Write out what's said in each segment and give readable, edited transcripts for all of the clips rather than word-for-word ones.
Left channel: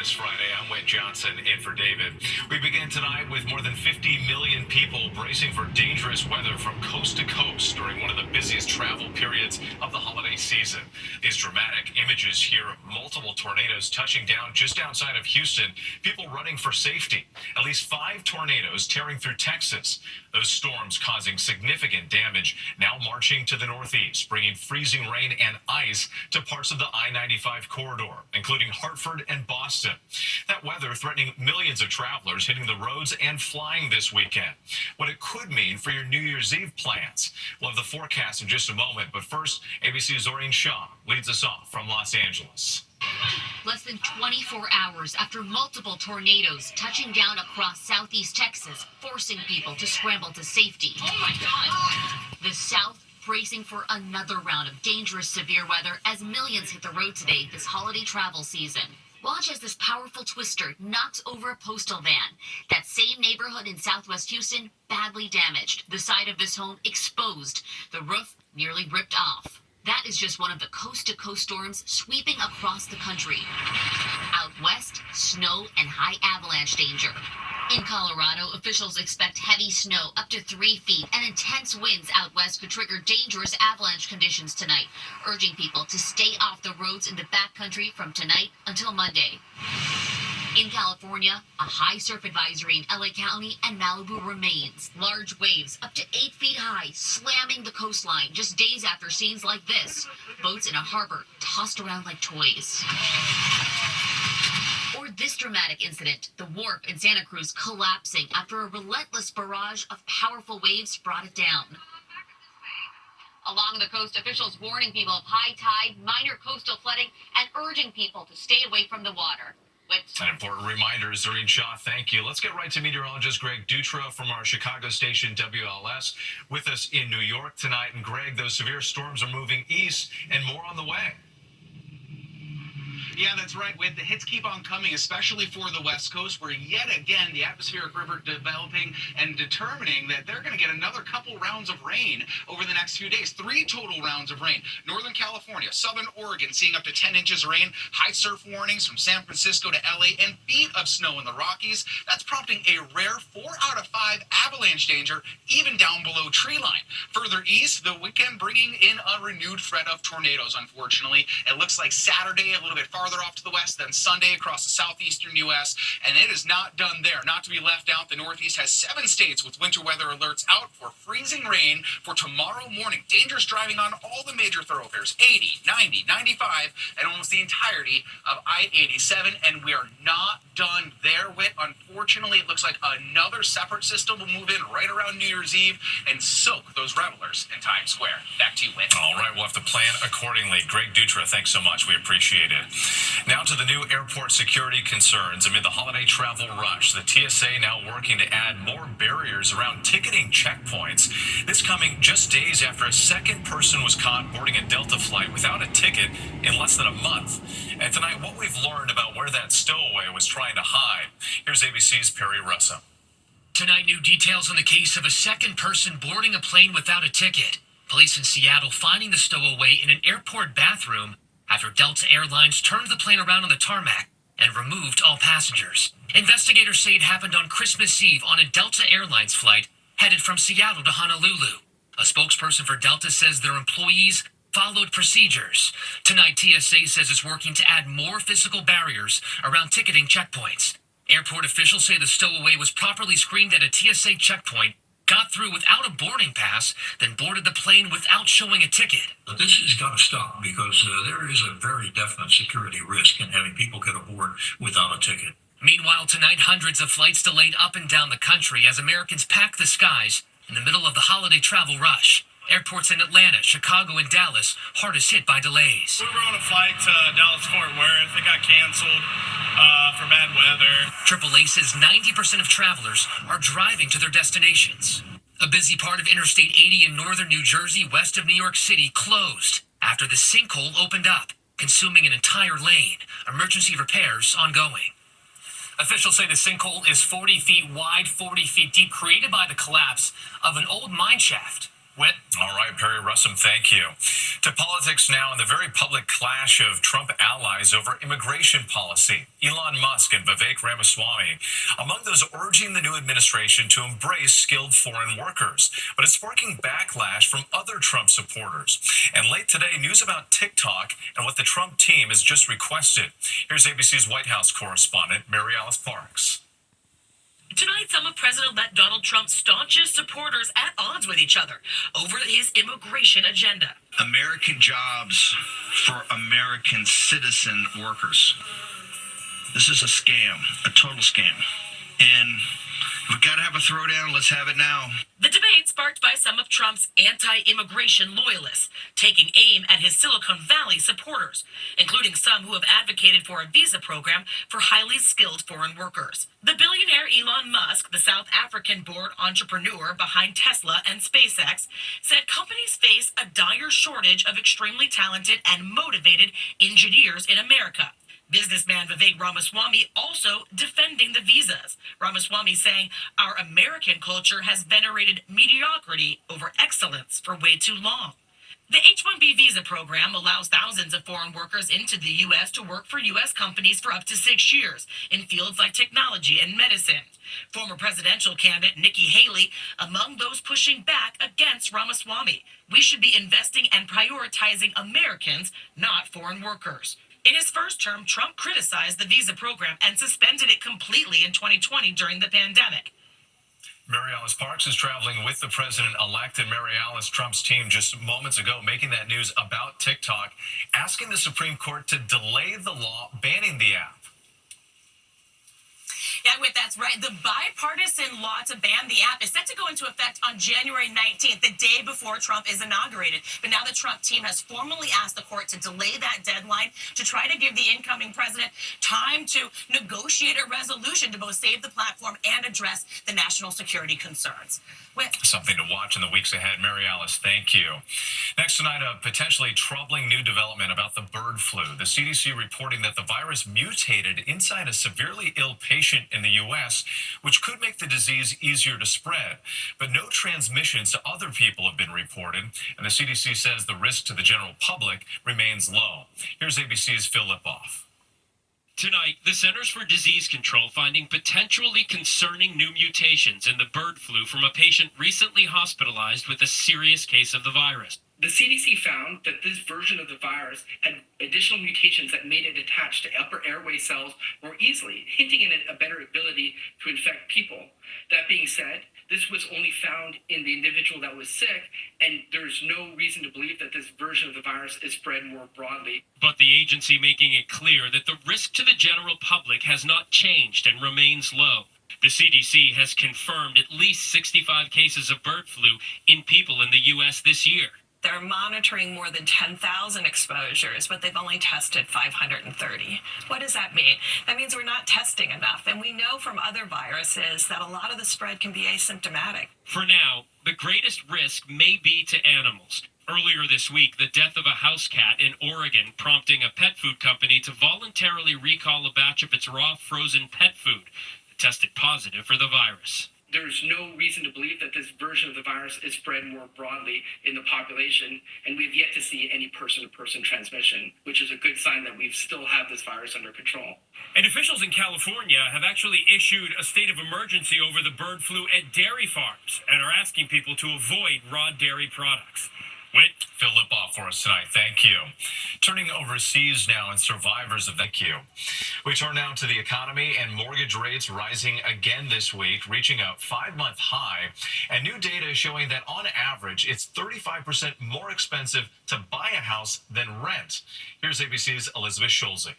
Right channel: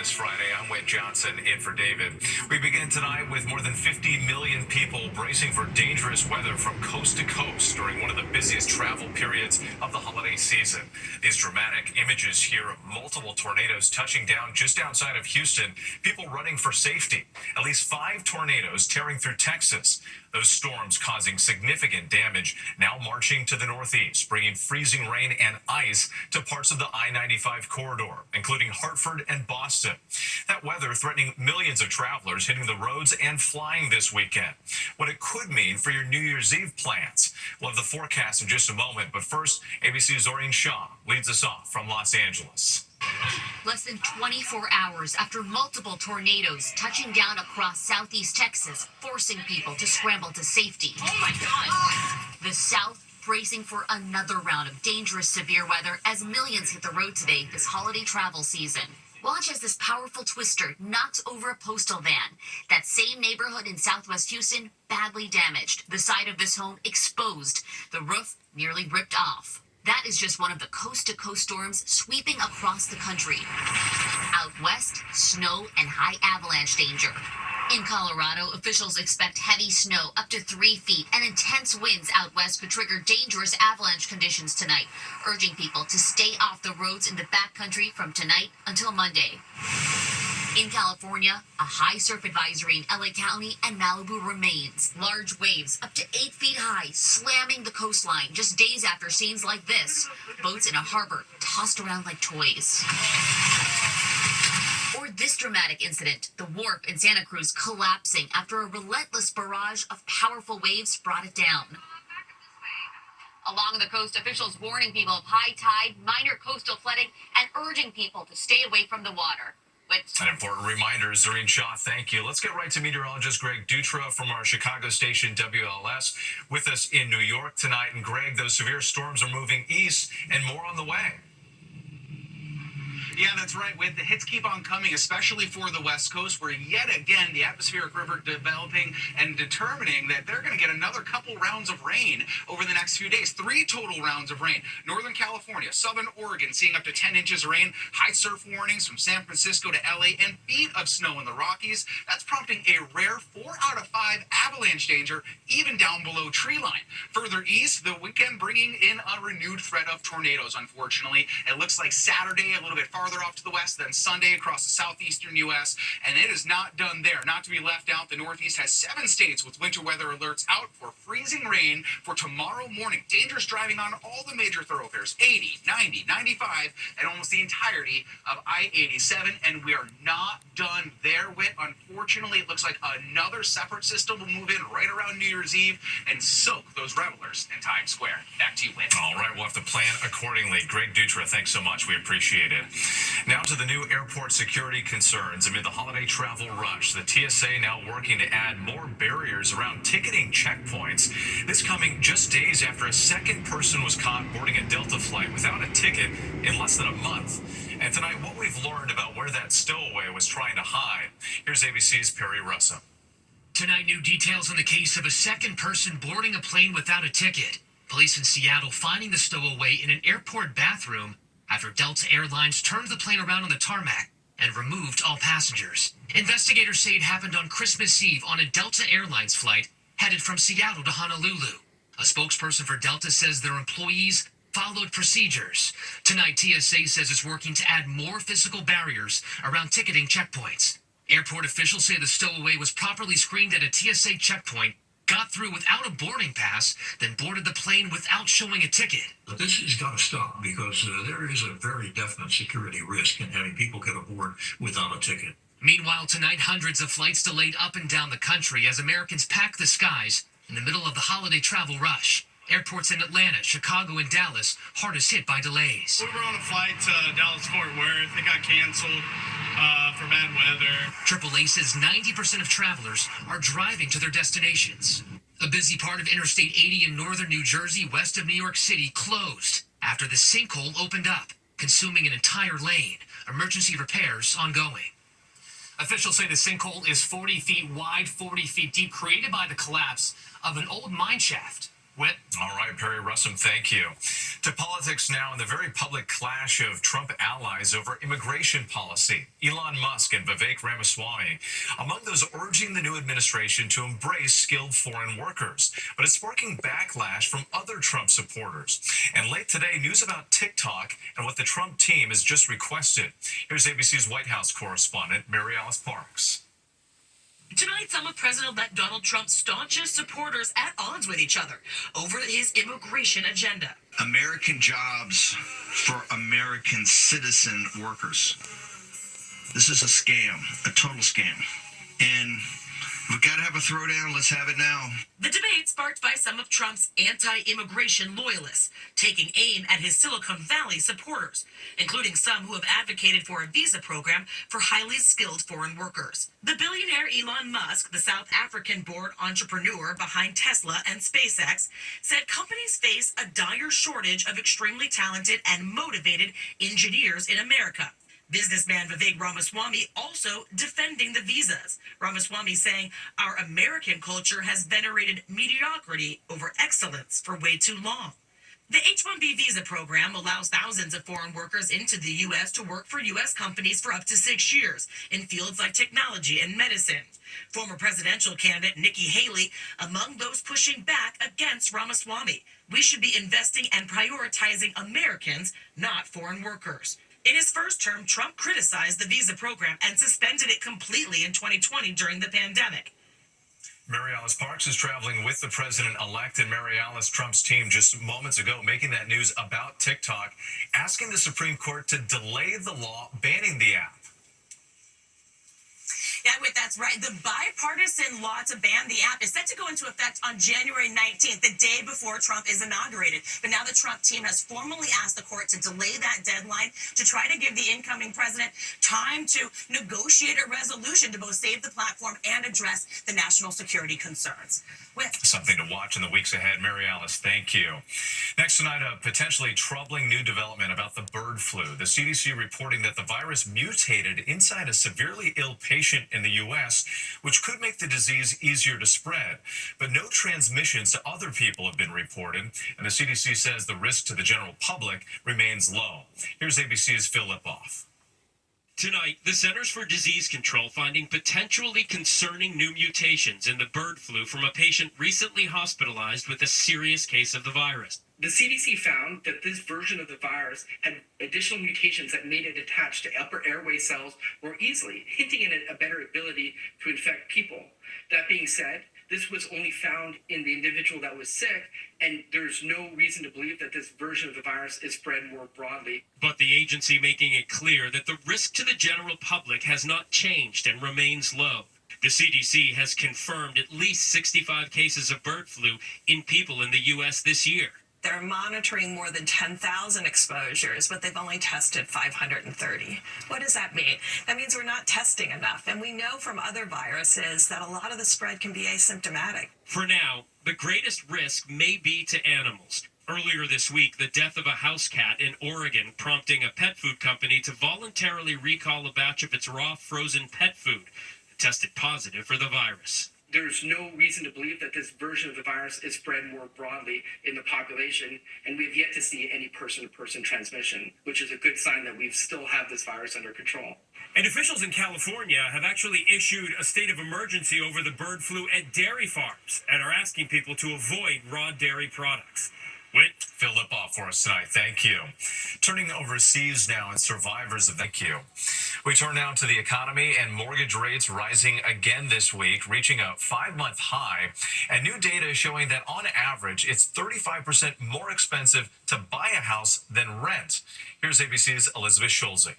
this Friday. I'm Whit Johnson in for David. We begin tonight with more than 50 million people bracing for dangerous weather from coast to coast during one of the busiest travel periods of the holiday season. These dramatic images here of multiple tornadoes touching down just outside of Houston, people running for safety. At least 5 tornadoes tearing through Texas. Those storms causing significant damage, now marching to the northeast, bringing freezing rain and ice to parts of the I-95 corridor, including Hartford and Boston. That weather threatening millions of travelers hitting the roads and flying this weekend. What it could mean for your New Year's Eve plans. We'll have the forecast in just a moment, but first, ABC's Zorin Shah leads us off from Los Angeles. Less than 24 hours after multiple tornadoes touching down across southeast Texas, forcing people to scramble to safety. Oh my God! The South bracing for another round of dangerous severe weather as millions hit the road today this holiday travel season. Watch as this powerful twister knocks over a postal van. That same neighborhood in southwest Houston badly damaged. The side of this home exposed. The roof nearly ripped off. That is just one of the coast-to-coast storms sweeping across the country. Out west, snow and high avalanche danger. In Colorado, officials expect heavy snow up to 3 feet and intense winds out west could trigger dangerous avalanche conditions tonight, urging people to stay off the roads in the backcountry from tonight until Monday. In California, a high surf advisory in LA County and Malibu remains. Large waves up to 8 feet high slamming the coastline just days after scenes like this. Boats in a harbor tossed around like toys. Or this dramatic incident, the wharf in Santa Cruz collapsing after a relentless barrage of powerful waves brought it down. Along the coast, officials warning people of high tide, minor coastal flooding, and urging people to stay away from the water. An important reminder, Zorin Shah, thank you. Let's get right to meteorologist Greg Dutra from our Chicago station WLS with us in New York tonight. And Greg, those severe storms are moving east and more on the way. Yeah, that's right, Whit. The hits keep on coming, especially for the West Coast, where yet again the atmospheric river developing and determining that they're going to get another couple rounds of rain over the next few days. 3 total rounds of rain. Northern California, Southern Oregon seeing up to 10 inches of rain. High surf warnings from San Francisco to LA and feet of snow in the Rockies. That's prompting a rare 4 out of 5 avalanche danger, even down below tree line. Further east, the weekend bringing in a renewed threat of tornadoes, unfortunately. It looks like Saturday a little bit farther off to the west, then Sunday across the southeastern U.S., and it is not done there. Not to be left out, the Northeast has 7 states with winter weather alerts out for freezing rain for tomorrow morning. Dangerous driving on all the major thoroughfares, 80, 90, 95, and almost the entirety of I-87, and we are not done there, Whit. Unfortunately, it looks like another separate system will move in right around New Year's Eve and soak those revelers in Times Square. Back to you, Whit. All right, we'll have to plan accordingly. Greg Dutra, thanks so much. We appreciate it. Now to the new airport security concerns amid the holiday travel rush. The TSA now working to add more barriers around ticketing checkpoints. This coming just days after a second person was caught boarding a Delta flight without a ticket in less than a month. And tonight, what we've learned about where that stowaway was trying to hide. Here's ABC's Perry Russo. Tonight, new details on the case of a second person boarding a plane without a ticket. Police in Seattle finding the stowaway in an airport bathroom after Delta Airlines turned the plane around on the tarmac and removed all passengers. Investigators say it happened on Christmas Eve on a Delta Airlines flight headed from Seattle to Honolulu. A spokesperson for Delta says their employees followed procedures. Tonight, TSA says it's working to add more physical barriers around ticketing checkpoints. Airport officials say the stowaway was properly screened at a TSA checkpoint, got through without a boarding pass, then boarded the plane without showing a ticket. This has got to stop because there is a very definite security risk in having people get aboard without a ticket. Meanwhile, tonight, hundreds of flights delayed up and down the country as Americans pack the skies in the middle of the holiday travel rush. Airports in Atlanta, Chicago, and Dallas hardest hit by delays. We were on a flight to Dallas-Fort Worth. It got canceled for bad weather. AAA says 90% of travelers are driving to their destinations. A busy part of Interstate 80 in northern New Jersey, west of New York City, closed after the sinkhole opened up, consuming an entire lane. Emergency repairs ongoing. Officials say the sinkhole is 40 feet wide, 40 feet deep, created by the collapse of an old mine shaft. Whit. All right, Perry Russum, thank you. To politics now, and the very public clash of Trump allies over immigration policy. Elon Musk and Vivek Ramaswamy among those urging the new administration to embrace skilled foreign workers. But it's sparking backlash from other Trump supporters. And late today, news about TikTok and what the Trump team has just requested. Here's ABC's White House correspondent, Mary Alice Parks. Tonight, some of President-elect Donald Trump's staunchest supporters at odds with each other over his immigration agenda. American jobs for American citizen workers. This is a scam, a total scam. And we got to have a throwdown. Let's have it now. The debate sparked by some of Trump's anti-immigration loyalists, taking aim at his Silicon Valley supporters, including some who have advocated for a visa program for highly skilled foreign workers. The billionaire Elon Musk, the South African-born entrepreneur behind Tesla and SpaceX, said companies face a dire shortage of extremely talented and motivated engineers in America. Businessman Vivek Ramaswamy also defending the visas. Ramaswamy saying our American culture has venerated mediocrity over excellence for way too long. The H-1B visa program allows thousands of foreign workers into the U.S. to work for U.S. companies for up to 6 years in fields like technology and medicine. Former presidential candidate Nikki Haley among those pushing back against Ramaswamy. We should be investing and prioritizing Americans, not foreign workers. In his first term, Trump criticized the visa program and suspended it completely in 2020 during the pandemic. Mary Alice Parks is traveling with the president-elect and Mary Alice, Trump's team just moments ago, making that news about TikTok, asking the Supreme Court to delay the law banning the app. Yeah, Whit, that's right. The bipartisan law to ban the app is set to go into effect on January 19th, the day before Trump is inaugurated. But now the Trump team has formally asked the court to delay that deadline to try to give the incoming president time to negotiate a resolution to both save the platform and address the national security concerns. Whit. Something to watch in the weeks ahead. Mary Alice, thank you. Next tonight, a potentially troubling new development about the bird flu. The CDC reporting that the virus mutated inside a severely ill patient in the U.S., which could make the disease easier to spread. But no transmissions to other people have been reported, and the CDC says the risk to the general public remains low. Here's ABC's Phil Lipoff. Tonight, the Centers for Disease Control finding potentially concerning new mutations in the bird flu from a patient recently hospitalized with a serious case of the virus. The CDC found that this version of the virus had additional mutations that made it attach to upper airway cells more easily, hinting at a better ability to infect people. That being said, this was only found in the individual that was sick, and there's no reason to believe that this version of the virus is spread more broadly. But the agency making it clear that the risk to the general public has not changed and remains low. The CDC has confirmed at least 65 cases of bird flu in people in the U.S. this year. They're monitoring more than 10,000 exposures, but they've only tested 530. What does that mean? That means we're not testing enough. And we know from other viruses that a lot of the spread can be asymptomatic. For now, the greatest risk may be to animals. Earlier this week, the death of a house cat in Oregon prompting a pet food company to voluntarily recall a batch of its raw frozen pet food that tested positive for the virus. There's no reason to believe that this version of the virus is spread more broadly in the population, and we've yet to see any person-to-person transmission, which is a good sign that we still have this virus under control. And officials in California have actually issued a state of emergency over the bird flu at dairy farms and are asking people to avoid raw dairy products. Whit, Phil Lipoff for us tonight. Thank you. Turning overseas now and survivors of thank you. We turn now to the economy and mortgage rates rising again this week, reaching a 5-month high. And new data showing that on average, it's 35% more expensive to buy a house than rent. Here's ABC's Elizabeth Schulze.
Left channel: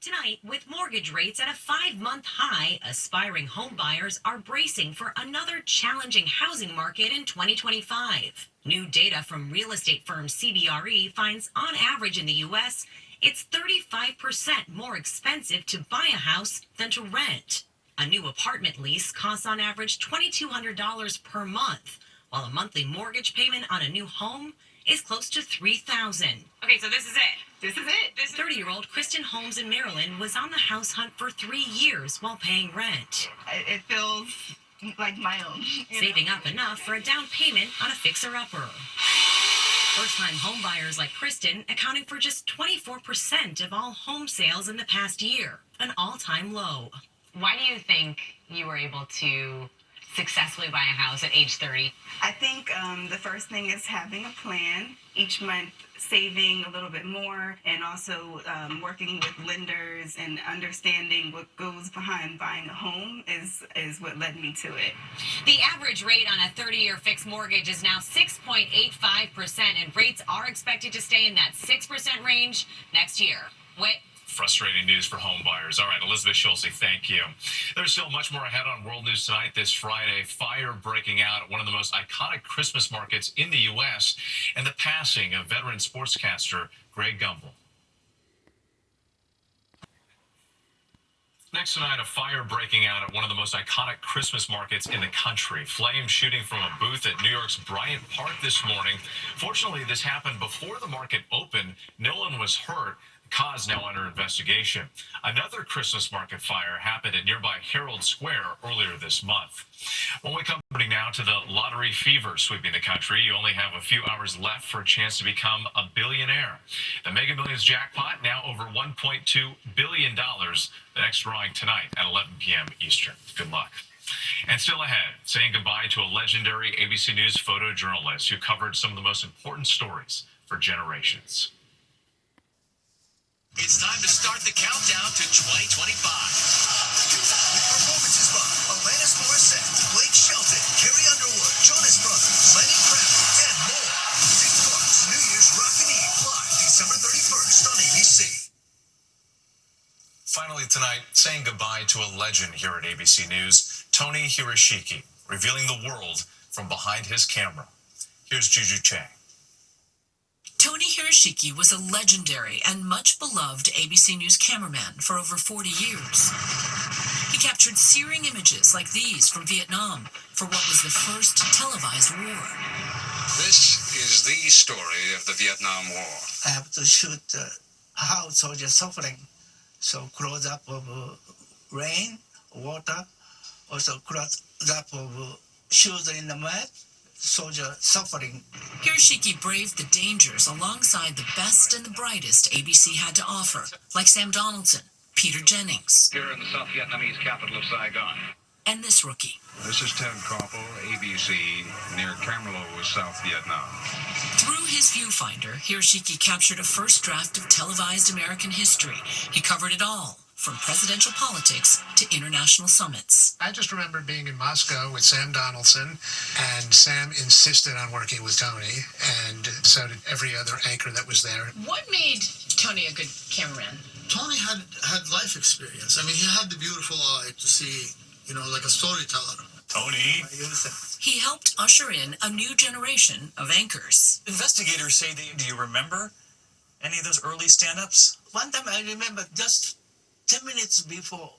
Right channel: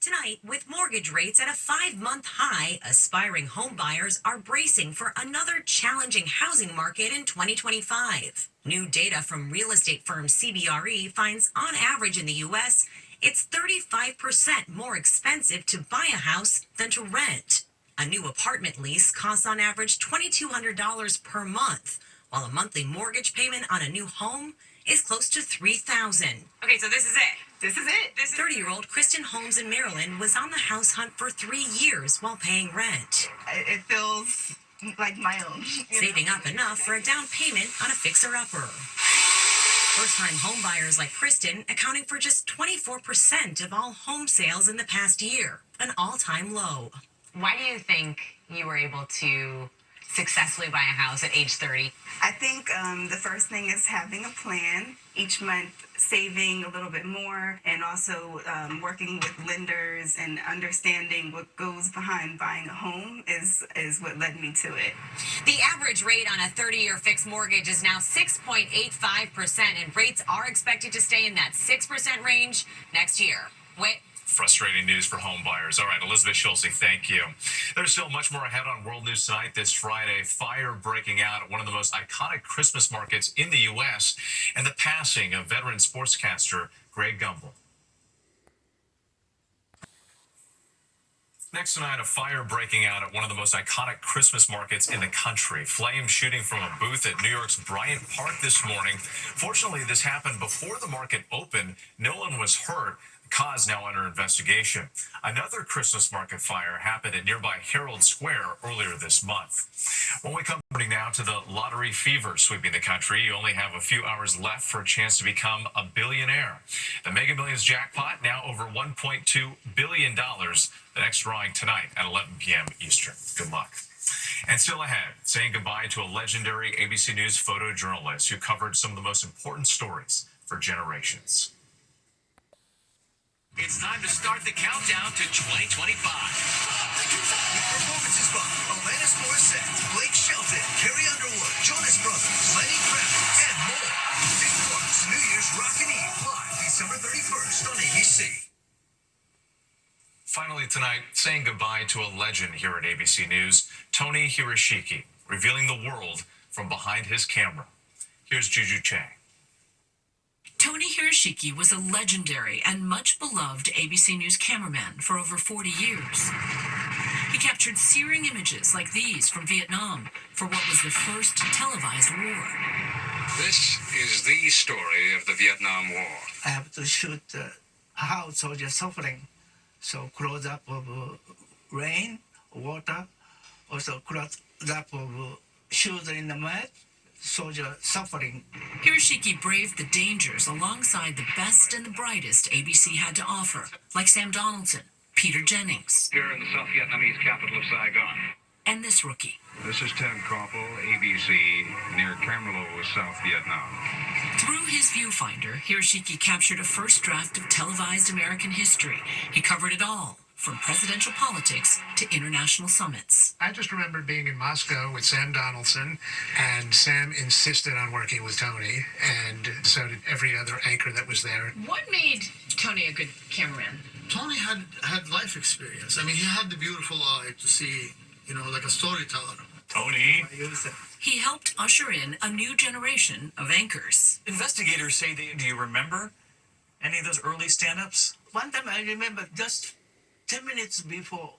Tonight, with mortgage rates at a 5-month high, aspiring home buyers are bracing for another challenging housing market in 2025. New data from real estate firm CBRE finds on average in the U.S., it's 35% more expensive to buy a house than to rent. A new apartment lease costs on average $2,200 per month, while a monthly mortgage payment on a new home is close to $3,000. Okay, so this is it. This is it. 30-year-old Kristen Holmes in Maryland was on the house hunt for 3 years while paying rent. It feels like my own. Saving up enough for a down payment on a fixer-upper. First-time homebuyers like Kristen accounting for just 24% of all home sales in the past year, an all-time low. Why do you think you were able to successfully buy a house at age 30? I think the first thing is having a plan, each month saving a little bit more, and also working with lenders and understanding what goes behind buying a home is what led me to it. The average rate on a 30-year fixed mortgage is now 6.85%, and rates are expected to stay in that 6% range next year. Frustrating news for home buyers. All right, Elizabeth Schulze, thank you. There's still much more ahead on World News Tonight this Friday. Fire breaking out at one of the most iconic Christmas markets in the U.S. and the passing of veteran sportscaster Greg Gumbel. Next tonight, a fire breaking out at one of the most iconic Christmas markets in the country. Flames shooting from a booth at New York's Bryant Park this morning. Fortunately, this happened before the market opened. No one was hurt. Cause now under investigation. Another Christmas market fire happened at nearby Herald Square earlier this month. When we come now to the lottery fever sweeping the country, you only have a few hours left for a chance to become a billionaire. The Mega Millions jackpot now over $1.2 billion. The next drawing tonight at 11 p.m. Eastern. Good luck. And still ahead, saying goodbye to a legendary ABC News photojournalist who covered some of the most important stories for generations. It's time to start the countdown to 2025. With performances by Alanis Morissette, Blake Shelton, Carrie Underwood, Jonas Brothers, Lenny Kravitz, and more. This Clark's New Year's Rockin' Eve live December 31st on ABC. Finally tonight, saying goodbye to a legend here at ABC News, Tony Hiroshiki, revealing the world from behind his camera. Here's Juju Chang. Tony Hiroshiki was a legendary and much beloved ABC News cameraman for over 40 years. He captured searing images like these from Vietnam for what was the first televised war. This is the story of the Vietnam War. I have to shoot how soldiers suffering. So close up of rain, water, also close up of shoes in the mud. Soldier suffering. Hiroshiki braved the dangers alongside the best and the brightest ABC had to offer, like Sam Donaldson, Peter Jennings. Here in the South Vietnamese capital of Saigon. And this rookie. This is Ted Koppel, ABC, near Cam Lo, South Vietnam. Through his viewfinder, Hiroshiki captured a first draft of televised American history. He covered it all, from presidential politics to international summits. I just remember being in Moscow with Sam Donaldson, and Sam insisted on working with Tony, and so did every other anchor that was there. What made Tony a good cameraman? Tony had life experience. I mean, he had the beautiful eye to see, like a storyteller. Tony. He helped usher in a new generation of anchors. Investigators say do you remember any of those early stand-ups? One time I remember just 10 minutes before,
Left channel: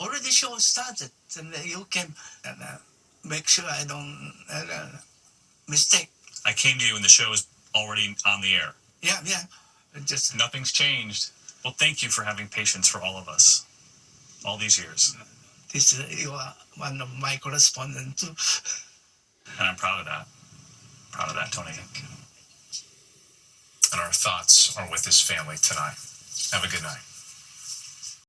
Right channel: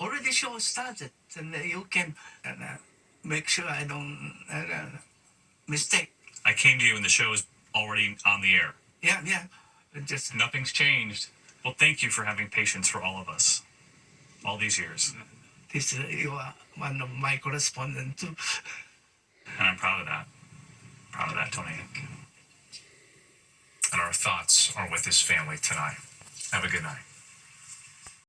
already show started, and you can make sure I don't mistake. I came to you and the show is already on the air. Yeah. Just nothing's changed. Well, thank you for having patience for all of us, all these years. You are one of my correspondents too. And I'm proud of that. Proud of that, Tony. And our thoughts are with his family tonight. Have a good night.